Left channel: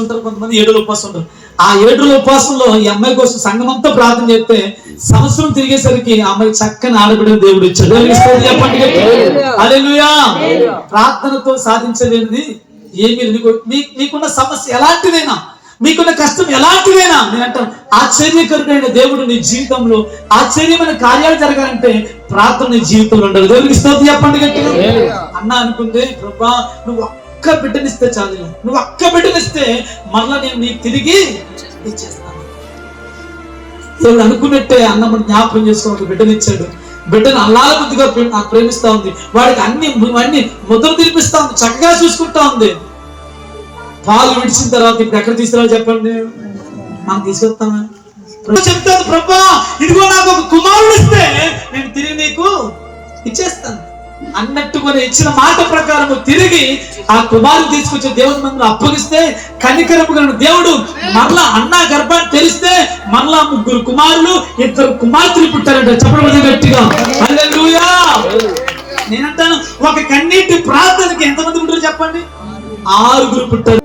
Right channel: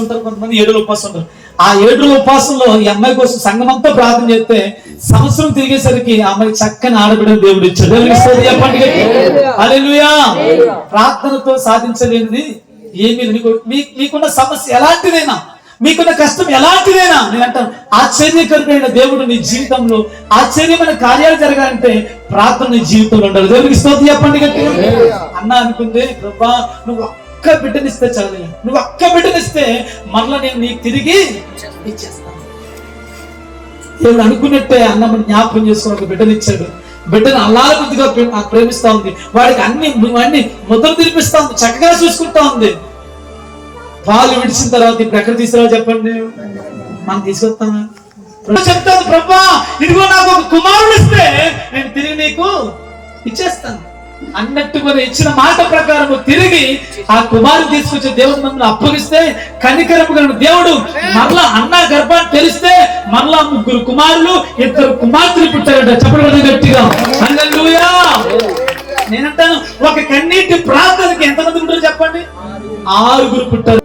ఉంటారు, కొంతమంది 7 రోజులు ఉపవాసం ఉంటారు. ఆ 7 రోజుల ఉపవాసంలో ఈ అమ్మాయి కోసం సంఘం అంతా ప్రార్థన చేస్తే సంవత్సరం తిరిగేసరికి ఆ అమ్మాయి చక్కని ఆడబిడ్డ దేవుడు ఇచ్చాడు. హల్లెలూయా. ప్రార్థనతో సాధించలేనిది ఏమీ లేదు. మీకున్న సమస్య ఎలాంటిదైనా, మీకున్న కష్టం ఎలాంటిదైనా, నేను అంటాను ఆశ్చర్యకరమైన దేవుడు నీ జీవితంలో ఆశ్చర్యమైన కార్యాలు జరగాలంటే ప్రార్థన నీ జీవితంలో ఉండాలి. దేవుడికి స్తోత్రం చెప్పండి గట్టిగా. అన్న అనుకుంటే ప్రభా నువ్వు ఒక్క బిడ్డనిస్తే చాలు, నువ్వు ఒక్క బిడ్డనిస్తే మరలా నేను నీకు తిరిగి ఇచ్చేస్తాను. దేవుడు అనుకున్నట్టే అన్నమ్మని జ్ఞాపకం చేసుకుని ఒక బిడ్డనిచ్చాడు. బిడ్డను అల్లాల బుద్ధిగా ప్రేమిస్తా ఉంది, వాడికి అన్ని ముద్రలు తినిపిస్తా ఉంది, చక్కగా చూసుకుంటా ఉంది. పాలు విడిచిన తర్వాత ఇప్పుడు ఎక్కడ తీసుకురావాలి చెప్పండి? మనం తీసుకొస్తాను. చెప్తాను ప్రభా ఇదిగో నాకు ఒక కుమారుడు ఇస్తే నేను తిరిగి నీకు ఇచ్చేస్తాను అన్నట్టు మనం ఇచ్చిన మాట ప్రకారం తిరిగి ఆ కుమారుడు తీసుకొచ్చే దేవుడు మమ్మల్ని అప్పగిస్తే కనికరము కలిగిన దేవుడు మరలా అన్న గర్భాన్ని తెలిస్తే మరలా 3 కుమారులు 2 కుమార్తెలు పుట్టారట. చెప్పడం గట్టిగా హల్లెలూయా. నేనంటాను ఒక కన్నీటి ప్రార్థనకి ఎంతమంది ఉంటారు చెప్పండి? 6 పుట్టారు.